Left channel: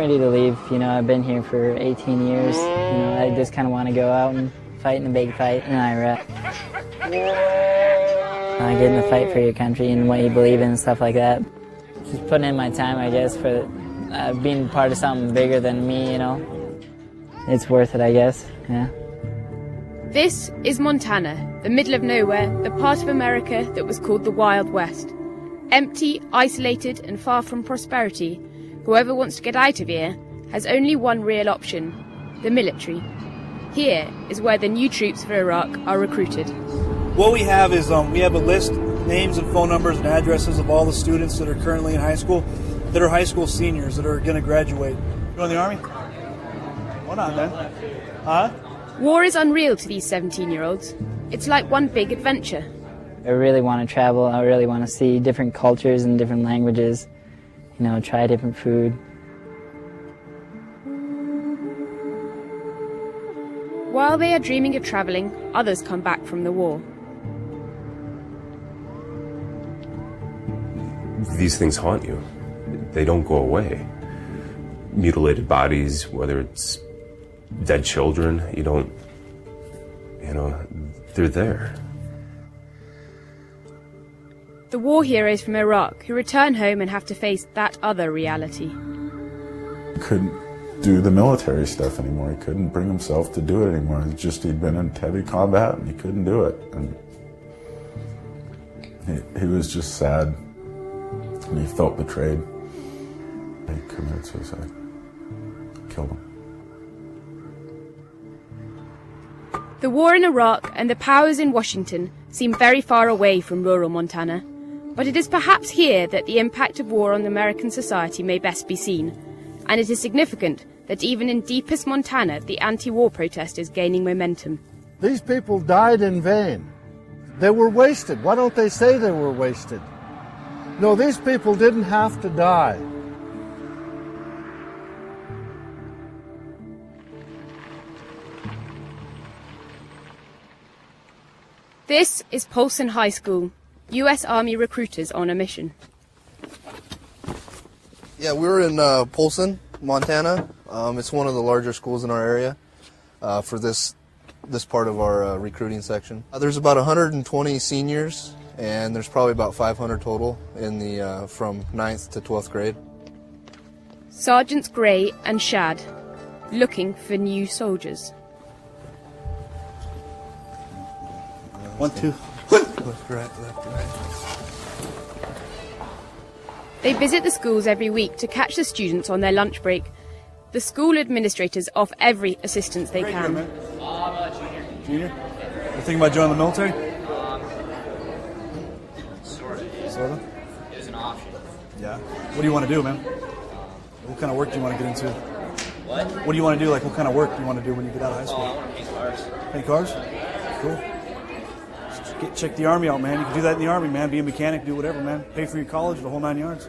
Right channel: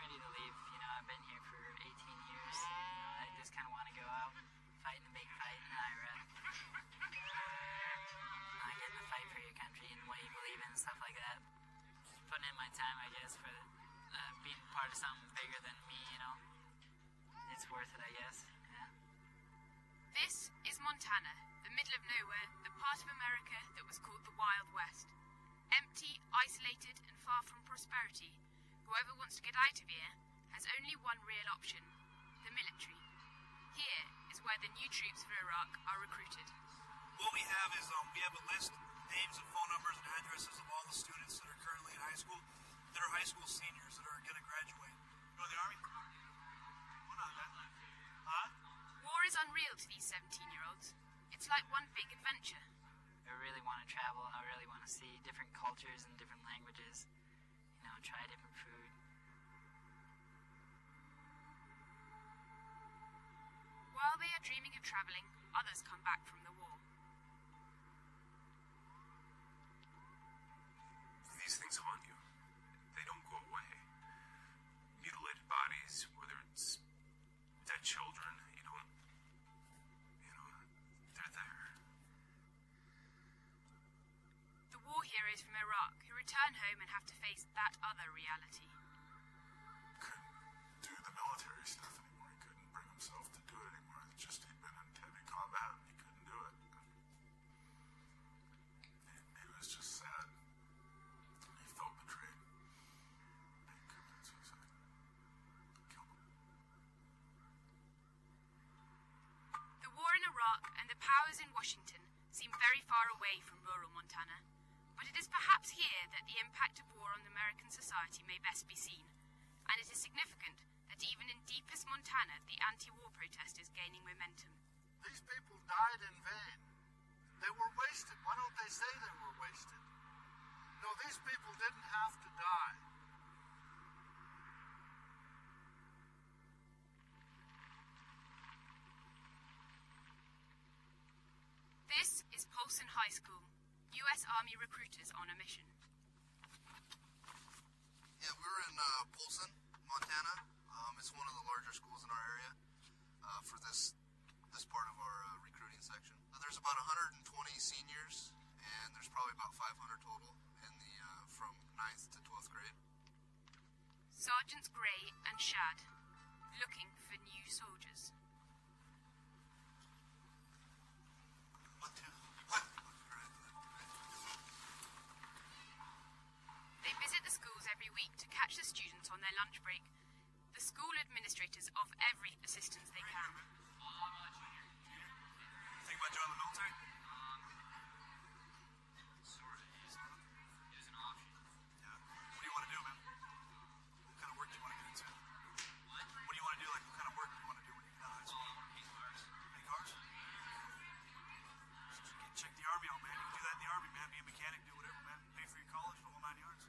ready to leave. You know, I've been here for 18 years. You know, I just kind of want to go out and fight in a big fight in Iraq. Get in the fight for your country and what you believe in and stuff like that. Just putting in my time, I guess, for being part of something bigger than me, you know. It's worth it, I guess, yeah. This is Montana, the middle of nowhere, the part of America that was called the Wild West. Empty, isolated and far from prosperity, whoever wants to get out of here has only one real option, the military. Here is where the new troops for Iraq are recruited. What we have is we have a list, names and phone numbers and addresses of all the students that are currently in high school, that are high school seniors that are going to graduate. Join the Army? Why not, then? Huh? War is unreal to these 17-year-olds. It's like one big adventure. I really want to travel. I really want to see different cultures and different languages, you know, try different food. While they are dreaming of travelling, others come back from the war. These things haunt you. They don't go away. Mutilated bodies, whether it's dead children, they're there. The war heroes from Iraq who return home and have to face that other reality. Couldn't do the military stuff anymore. He couldn't bring himself to do it anymore. It's just he'd been in heavy combat and he couldn't do it. And he was just sad and he felt betrayed. He committed suicide. Killed him. The war in Iraq and the powers in Washington seem very far away from rural Montana, but it is perhaps here that the impact of war on American society may best be seen, and it is significant that even in deepest Montana the anti-war protest is gaining momentum. These people died in vain. They were wasted. Why don't they say they were wasted? No, these people didn't have to die. This is Polson High School, U.S. Army recruiters on a mission. Yeah, we're in Polson, Montana. It's one of the larger schools in our area for this part of our recruiting section. There's about 120 seniors, and there's probably about 500 total in the from 9th to 12th grade. Sgt Gray and Shad, looking for new soldiers. 1, 2. Left, right. They visit the schools every week to catch the students on their lunch break. The school administrators offer every assistance they can. Junior. Junior? You thinking about joining the military? Sort of. It was an option. Yeah. What do you want to do, man? What kind of work do you want to get into? What? What do you want to do? Like, what kind of work do you want to do when you get out of high school? I want to paint cars. Paint cars? Cool. Check the Army out, man. You can do that in the Army, man. Be a mechanic, do whatever, man. Pay for your college, the whole 9 yards.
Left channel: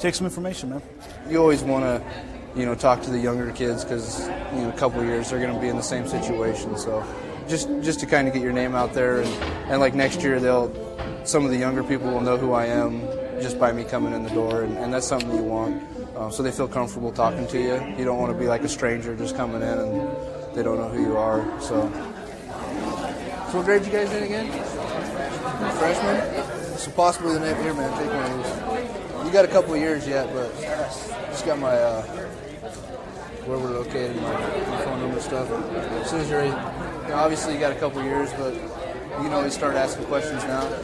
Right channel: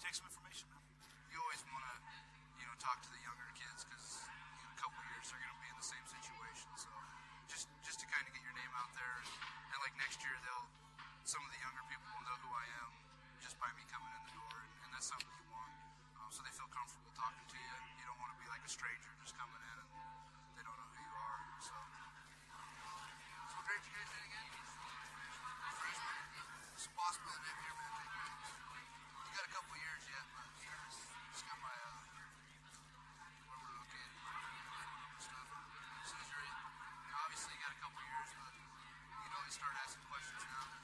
Take some information, man. You always want to, talk to the younger kids because, a couple of years they're going to be in the same situation. So just to kind of get your name out there. And like next year, some of the younger people will know who I am just by me coming in the door. And that's something you want. So they feel comfortable talking to you. You don't want to be like a stranger just coming in and they don't know who you are. So what grade you guys in again? Freshman? So possibly the next year, man. Take one of these. You got a couple of years yet, but just got my where we're located, my phone number stuff. As soon as you're ready, obviously you got a couple of years, but you can always start asking questions now. You know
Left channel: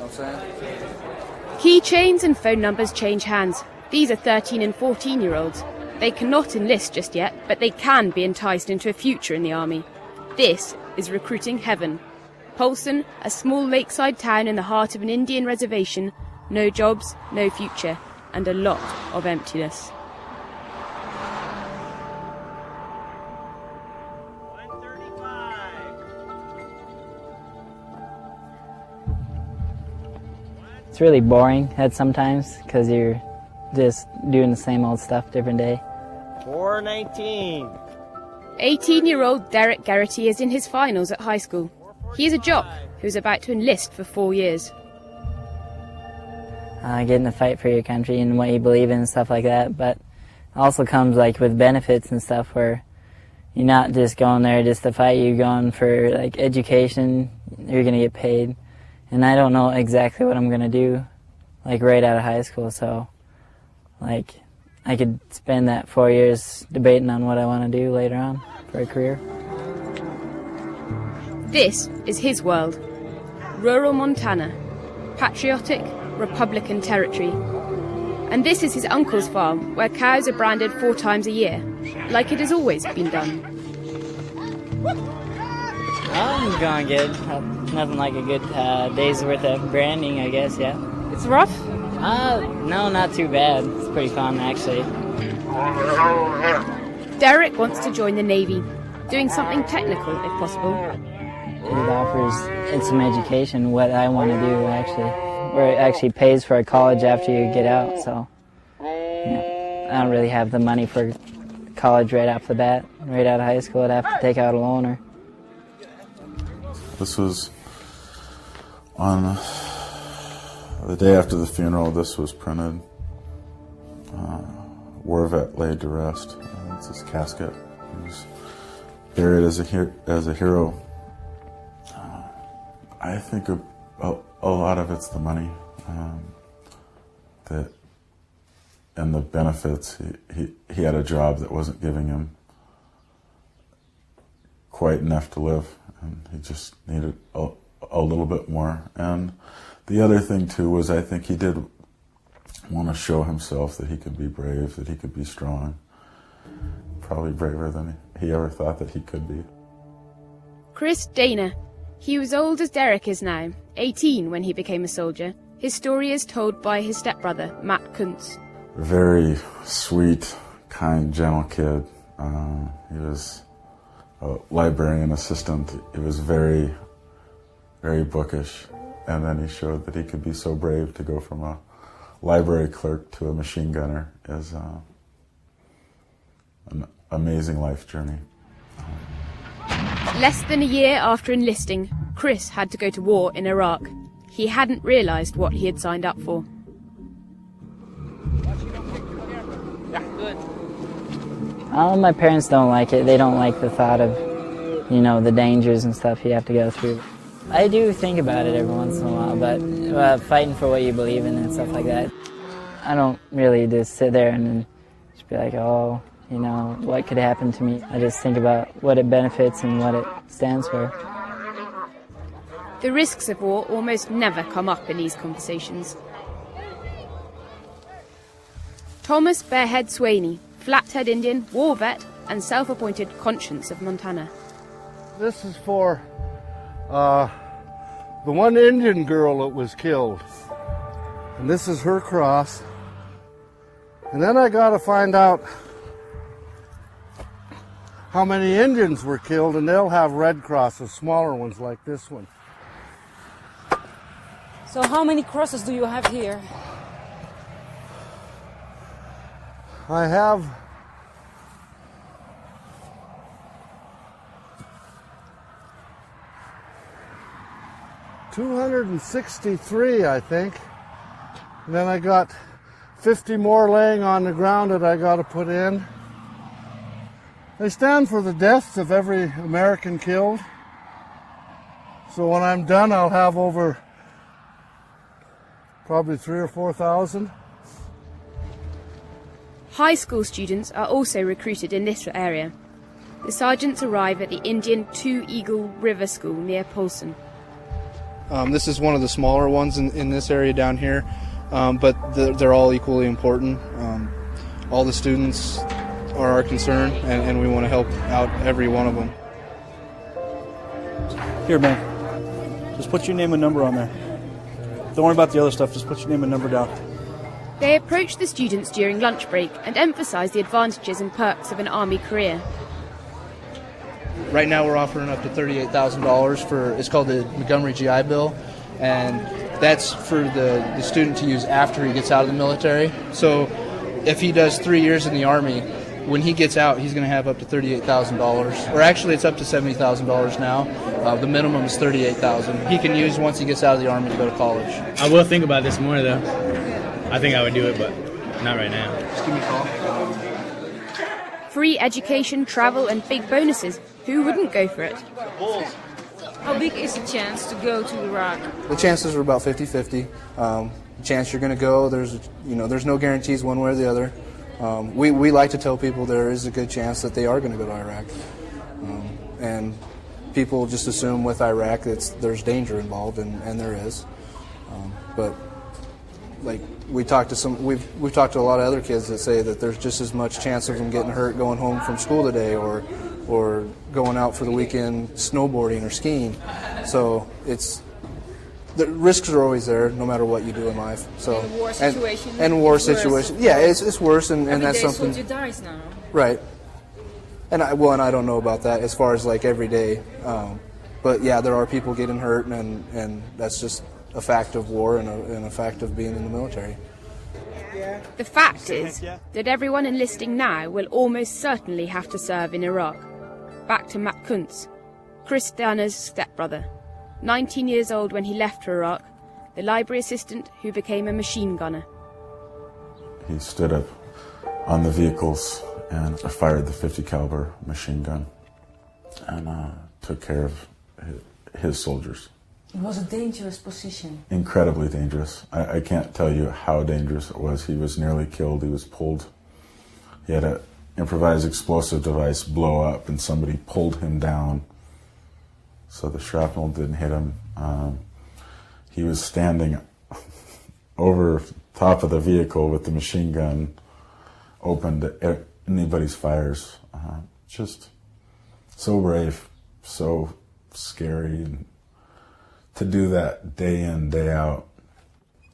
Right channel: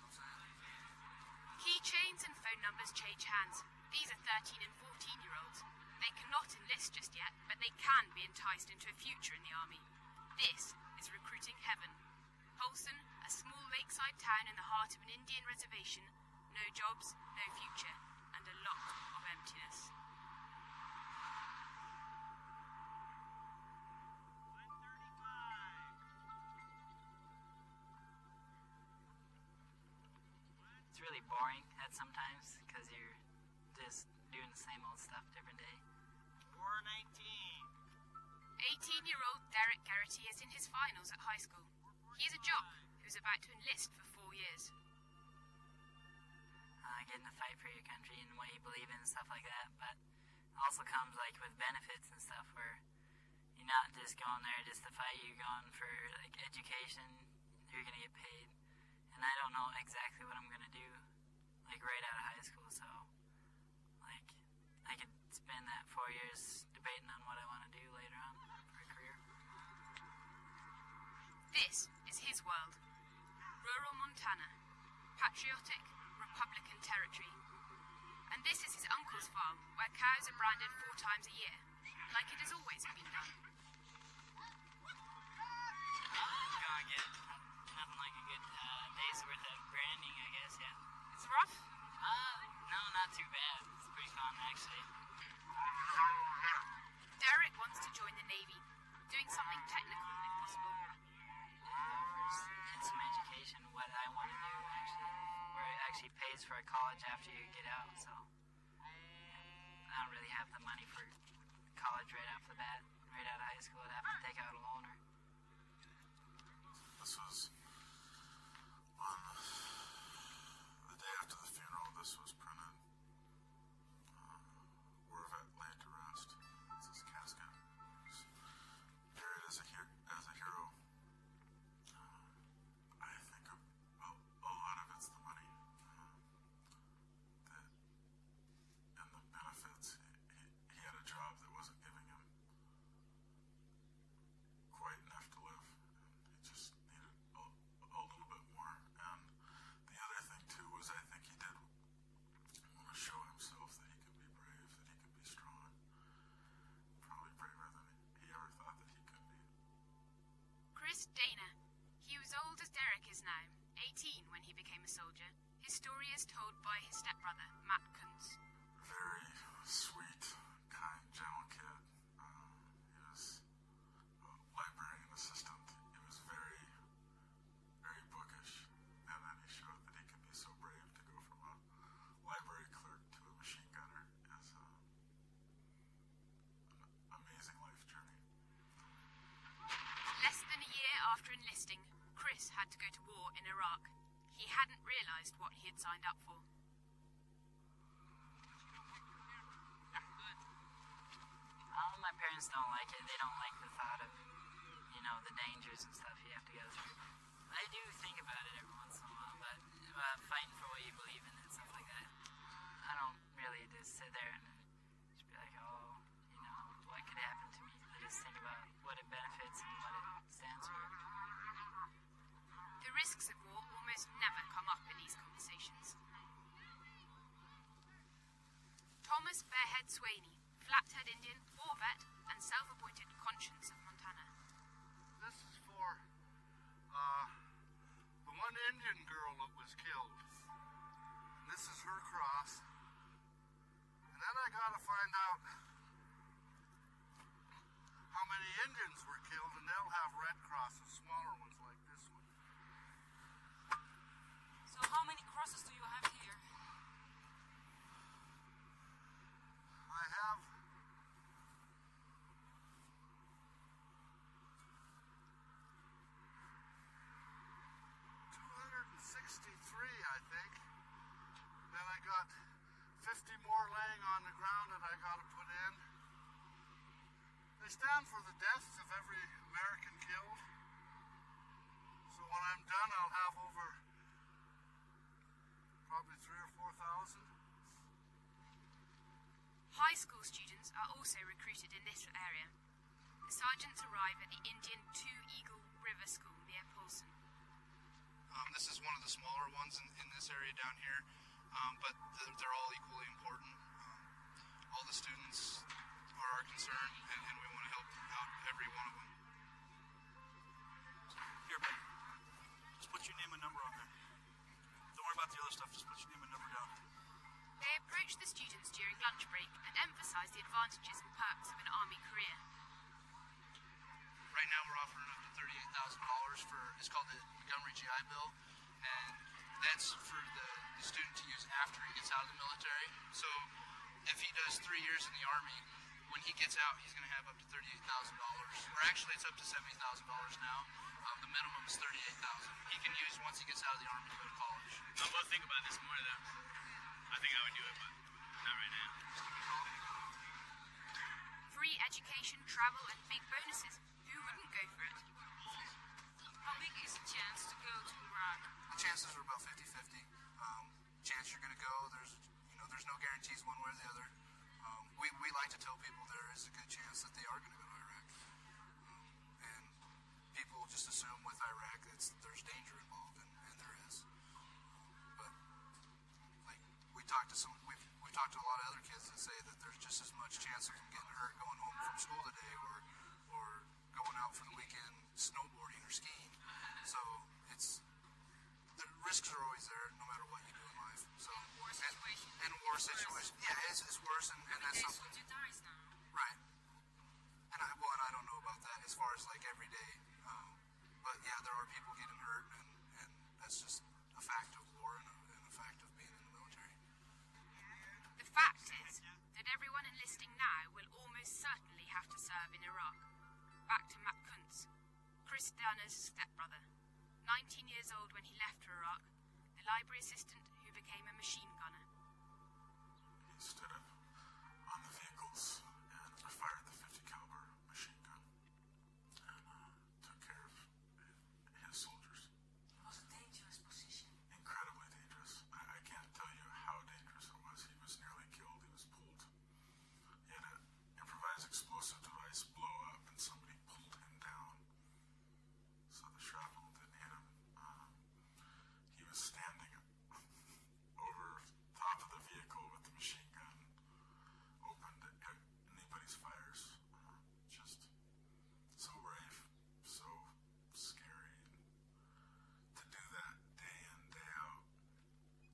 what I'm saying? Keychains and phone numbers change hands. These are 13 and 14-year-olds. They cannot enlist just yet, but they can be enticed into a future in the Army. This is recruiting heaven. Polson, a small lakeside town in the heart of an Indian reservation, no jobs, no future, and a lot of emptiness. It's really boring at sometimes because you're just doing the same old stuff different day. 419. 18-year-old Derek Garrity is in his finals at high school. He is a jock who is about to enlist for 4 years. getting to fight for your country and what you believe in and stuff like that. But it also comes like with benefits and stuff where you're not just going there just to fight. You're going for like education. You're gonna get paid, and I don't know exactly what I'm gonna do, like right out of high school. So, like, I could spend that 4 years debating on what I want to do later on for a career. This is his world. Rural Montana. Patriotic, Republican territory. And this is his uncle's farm, where cows are branded 4 times a year, like it has always been done. I'm going good. Nothing like a good day's worth of branding, I guess, yeah. It's rough? No, not too bad. It's pretty fun, actually. Derek wants to join the Navy, doing something technical if possible. It offers some education, what I want to do, actually. Where it actually pays for a college after you get out, so yeah. I don't really have the money for college right off the bat. Right out of high school, I'd have to take out a loan. This was on the day after the funeral. This was printed. War vet laid to rest. It's his casket. He was buried as a hero. I think a lot of it's the money that and the benefits. He had a job that wasn't giving him quite enough to live, and he just needed a little bit more. And the other thing too was I think he did want to show himself that he could be brave, that he could be strong, probably braver than he ever thought that he could be. Chris Dana. He was old as Derek is now, 18 when he became a soldier. His story is told by his stepbrother, Matt Kuntz. Very sweet, kind, gentle kid. He was a librarian assistant. He was very, very bookish. And then he showed that he could be so brave to go from a library clerk to a machine gunner is an amazing life journey. Less than a year after enlisting, Chris had to go to war in Iraq. He hadn't realised what he had signed up for. My parents don't like it. They don't like the thought of, the dangers and stuff you have to go through. I do think about it every once in a while, but fighting for what you believe in and stuff like that, I don't really just sit there and just be like, oh, what could happen to me? I just think about what it benefits and what it stands for. The risks of war almost never come up in these conversations. Thomas Bearhead Swaney, Flathead Indian, war vet, and self-appointed conscience of Montana. This is for the one Indian girl that was killed. And this is her cross. And then I got to find out how many Indians were killed, and they'll have red crosses, smaller ones like this one. So how many crosses do you have here? I have 263, I think. And then I got 50 more laying on the ground that I got to put in. They stand for the deaths of every American killed. So when I'm done, I'll have over probably 3,000 or 4,000. High school students are also recruited in this area. The sergeants arrive at the Indian Two Eagle River School near Polson. This is one of the smaller ones in this area down here, but they're all equally important. All the students are our concern, and we want to help out every one of them. Here, man. Just put your name and number on there. Don't worry about the other stuff. Just put your name and number down. They approach the students during lunch break and emphasize the advantages and perks of an Army career. Right now we're offering up to $38,000 for, it's called the Montgomery GI Bill, and that's for the student to use after he gets out of the military. So if he does 3 years in the Army, when he gets out, he's going to have up to $38,000. Or actually, it's up to $70,000 now. The minimum is $38,000. He can use once he gets out of the Army to go to college. I will think about this more, though. I think I would do it, but not right now. Just give me a call. Free education, travel, and big bonuses. Who wouldn't go for it? How big is the chance to go to Iraq? The chances are about 50-50. The chance you're going to go, there's no guarantees one way or the other. We like to tell people there is a good chance that they are going to go to Iraq. And people just assume with Iraq there's danger involved, and there is. But like we've talked to a lot of other kids that say that there's just as much chance of them getting hurt going home from school today or going out for the weekend snowboarding or skiing. So the risks are always there no matter what you do in life. So in war situation. And war situation. Yeah, it's worse, and that's something. Every day soldier dies now. Right. And I don't know about that as far as like every day. But yeah, there are people getting hurt, and that's just a fact of war and a fact of being in the military. The fact is that everyone enlisting now will almost certainly have to serve in Iraq. Back to Matt Kuntz, Chris Danner's stepbrother. 19 years old when he left for Iraq, the library assistant who became a machine gunner. He stood up on the vehicles and fired the .50 caliber machine gun and took care of his soldiers. It was a dangerous position. Incredibly dangerous. I can't tell you how dangerous it was. He was nearly killed. He was pulled. He had an improvised explosive device blow up, and somebody pulled him down so the shrapnel didn't hit him. He was standing over top of the vehicle with the machine gun open to anybody's fires. Just so brave, so scary, and to do that day in, day out,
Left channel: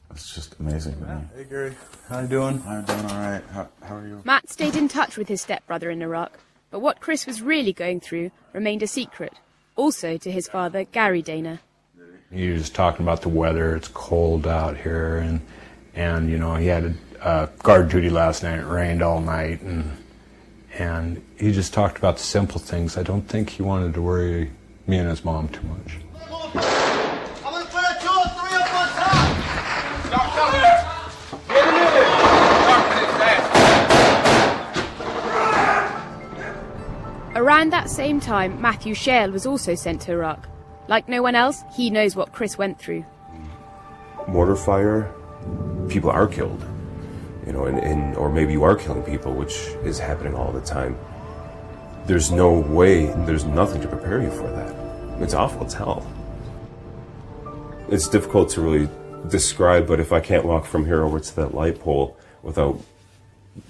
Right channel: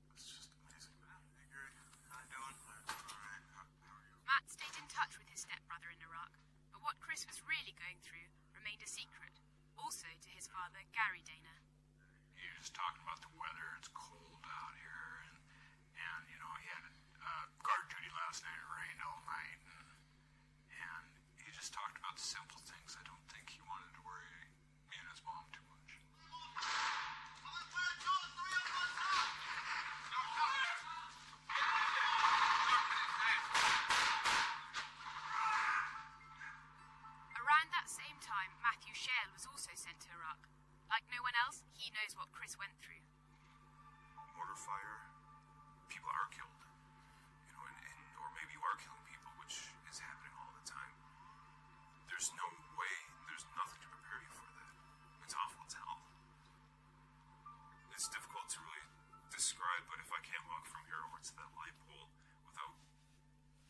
it's just amazing to me. Hey Gary, how you doing? I'm doing all right. How are you? Matt stayed in touch with his stepbrother in Iraq, but what Chris was really going through remained a secret, also to his father, Gary Dana. He was talking about the weather. It's cold out here, and you know, he had guard duty last night. It rained all night, and he just talked about the simple things. I don't think he wanted to worry me and his mom too much. I'm gonna put a 2 or 3 up on top. Stop coming. Get in there. Around that same time, Matthew Schehl was also sent to Iraq. Like no one else, he knows what Chris went through. Mortar fire, people are killed, you know, or maybe you are killing people, which is happening all the time. There's no way, there's nothing to prepare you for that. It's awful, it's hell. It's difficult to really describe, but if I can't walk from here over to that light pole without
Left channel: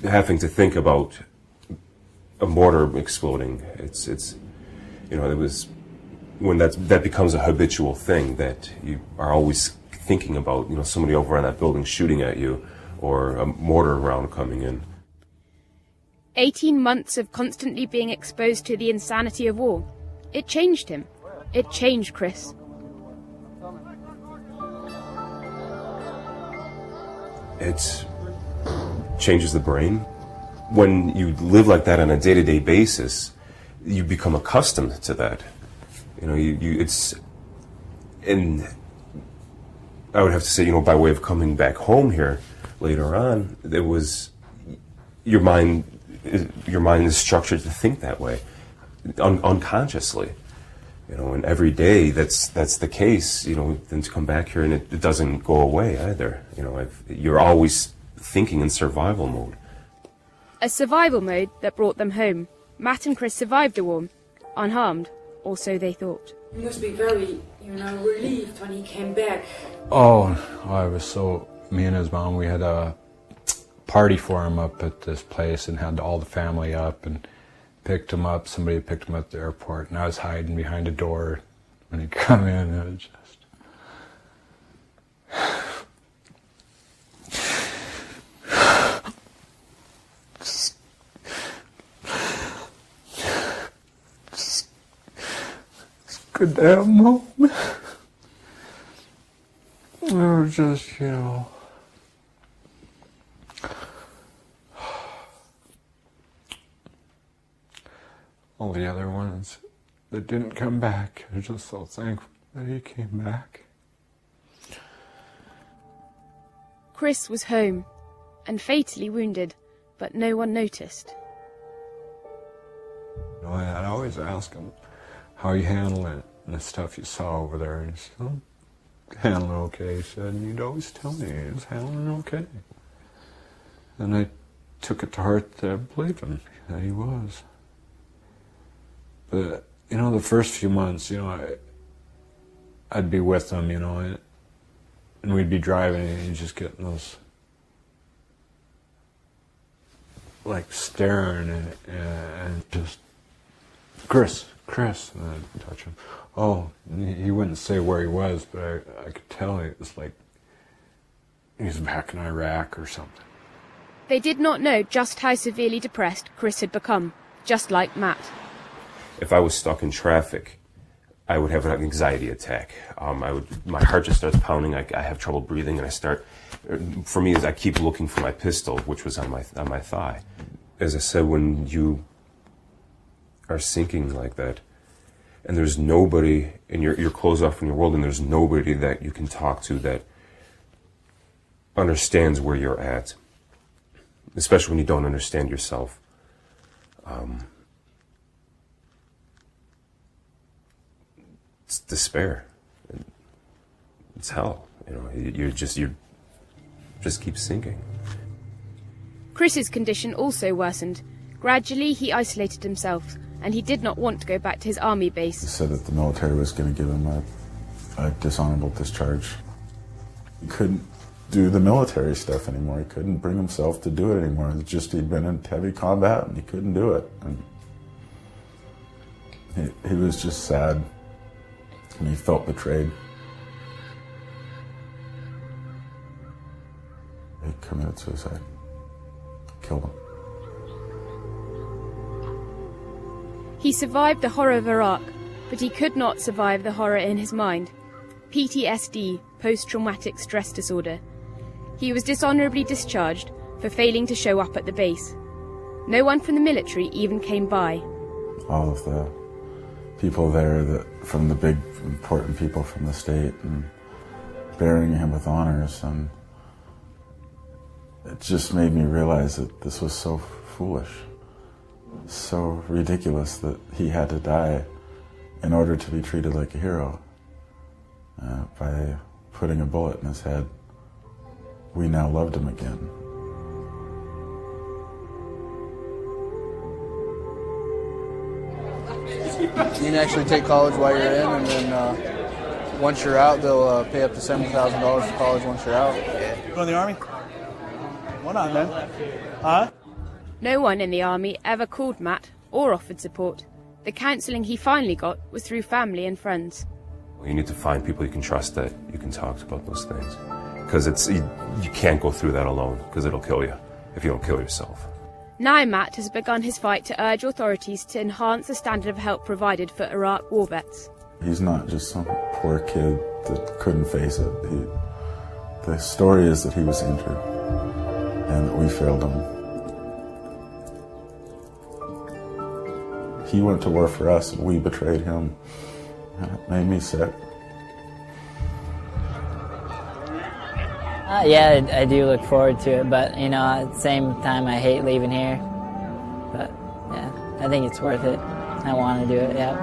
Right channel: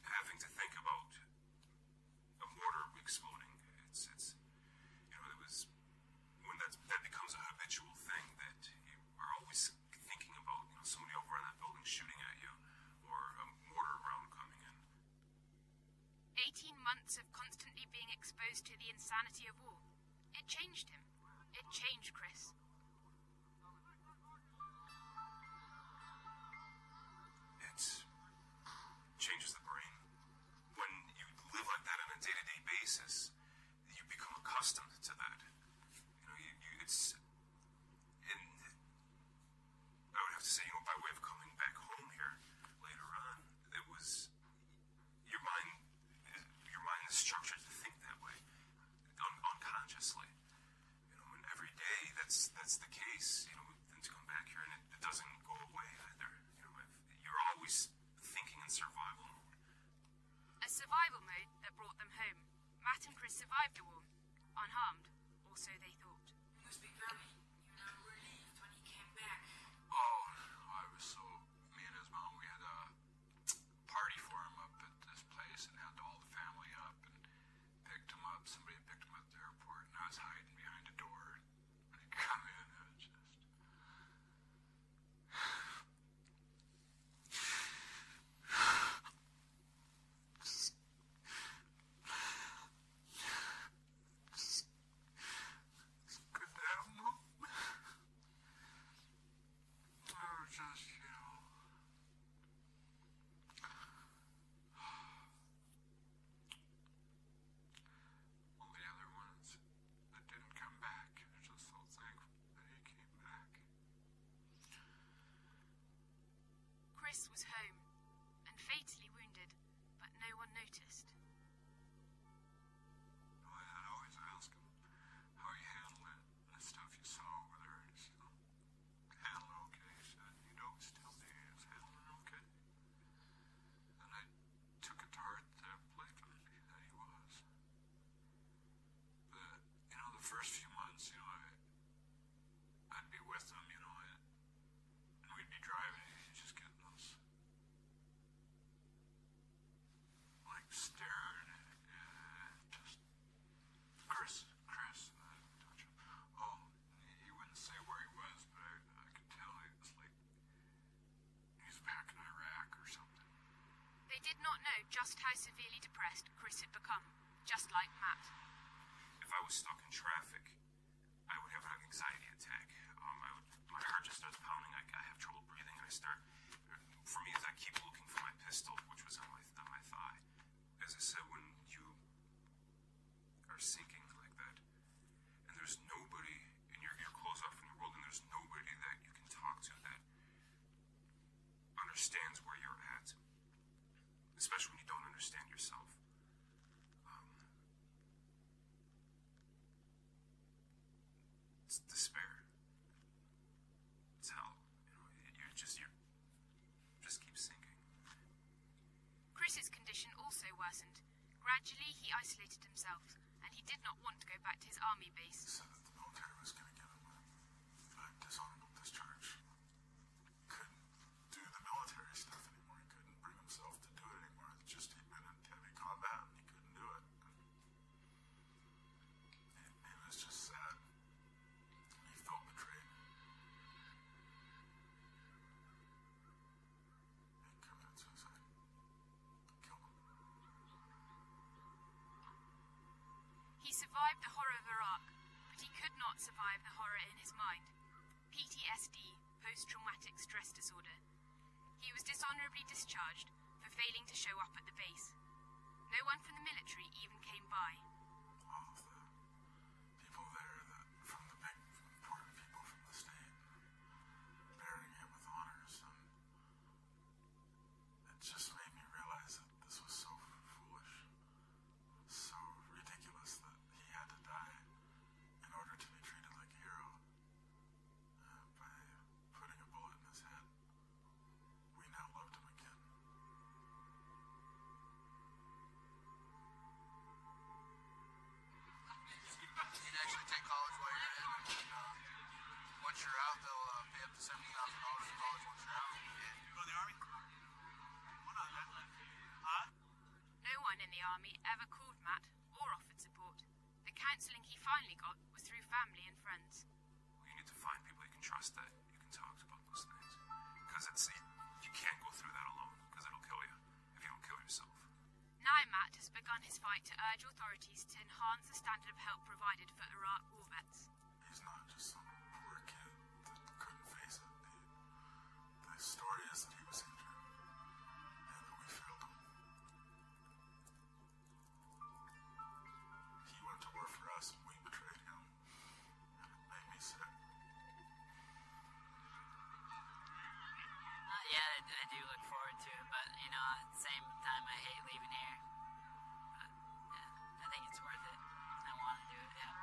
having to think about a mortar exploding, it's you know, it was when that becomes a habitual thing, that you are always thinking about, you know, somebody over on that building shooting at you, or a mortar round coming in. 18 months of constantly being exposed to the insanity of war. It changed him. It changed Chris. It changes the brain. When you live like that on a day-to-day basis, you become accustomed to that. You know, and I would have to say, you know, by way of coming back home here later on, it was your mind is structured to think that way, unconsciously. You know, and every day that's the case. You know, then to come back here and it doesn't go away either. You know, you're always thinking in survival mode. A survival mode that brought them home. Matt and Chris survived the war, unharmed, or so they thought. You must be very, relieved when he came back. Oh, me and his mom, we had a party for him up at this place and had all the family up and picked him up. Somebody picked him up at the airport, and I was hiding behind a door when he come in. It was good damn moment. It was just, all the other ones that didn't come back, I'm just so thankful that he came back. Chris was home and fatally wounded, but no one noticed. I'd always ask him how you handle it and the stuff you saw over there. And he said, "Oh, handling it okay." He said, and you'd always tell me he was handling it okay. And I took it to heart that I believed him, that he was. But, the first few months, I'd be with him, and we'd be driving and he'd just get those, like, staring and just, Chris, and I'd touch him. Oh, he wouldn't say where he was, but I could tell it was like he was back in Iraq or something. They did not know just how severely depressed Chris had become, just like Matt. If I was stuck in traffic, I would have an anxiety attack. My heart just starts pounding. I have trouble breathing, and for me, I keep looking for my pistol, which was on my thigh. As I said, when you are sinking like that, and there's nobody, and you're closed off from your world, and there's nobody that you can talk to that understands where you're at, especially when you don't understand yourself. It's despair. It's hell. You just keep sinking. Chris's condition also worsened. Gradually, he isolated himself, and he did not want to go back to his army base. He said that the military was going to give him a dishonorable discharge. He couldn't do the military stuff anymore. He couldn't bring himself to do it anymore. It's just he'd been in heavy combat, and he couldn't do it. And he was just sad, and he felt betrayed. He committed suicide. Killed him. He survived the horror of Iraq, but he could not survive the horror in his mind. PTSD, post-traumatic stress disorder. He was dishonorably discharged for failing to show up at the base. No one from the military even came by. All of the people there, from the big important people from the state, and burying him with honors, and it just made me realize that this was so foolish, so ridiculous that he had to die in order to be treated like a hero. By putting a bullet in his head, we now loved him again. You can actually take college while you're in, and then once you're out, they'll pay up to $70,000 for college once you're out. You go in the Army? Why not, man? Huh? No one in the army ever called Matt or offered support. The counselling he finally got was through family and friends. You need to find people you can trust that you can talk to about those things. Because you can't go through that alone, because it'll kill you if you don't kill yourself. Now Matt has begun his fight to urge authorities to enhance the standard of help provided for Iraq war vets. He's not just some poor kid that couldn't face it. The story is that he was injured and that we failed him. He went to war for us and we betrayed him. And it made me sick. Yeah, I do look forward to it, but at the same time I hate leaving here. But yeah, I think it's worth it. I want to do it, yeah.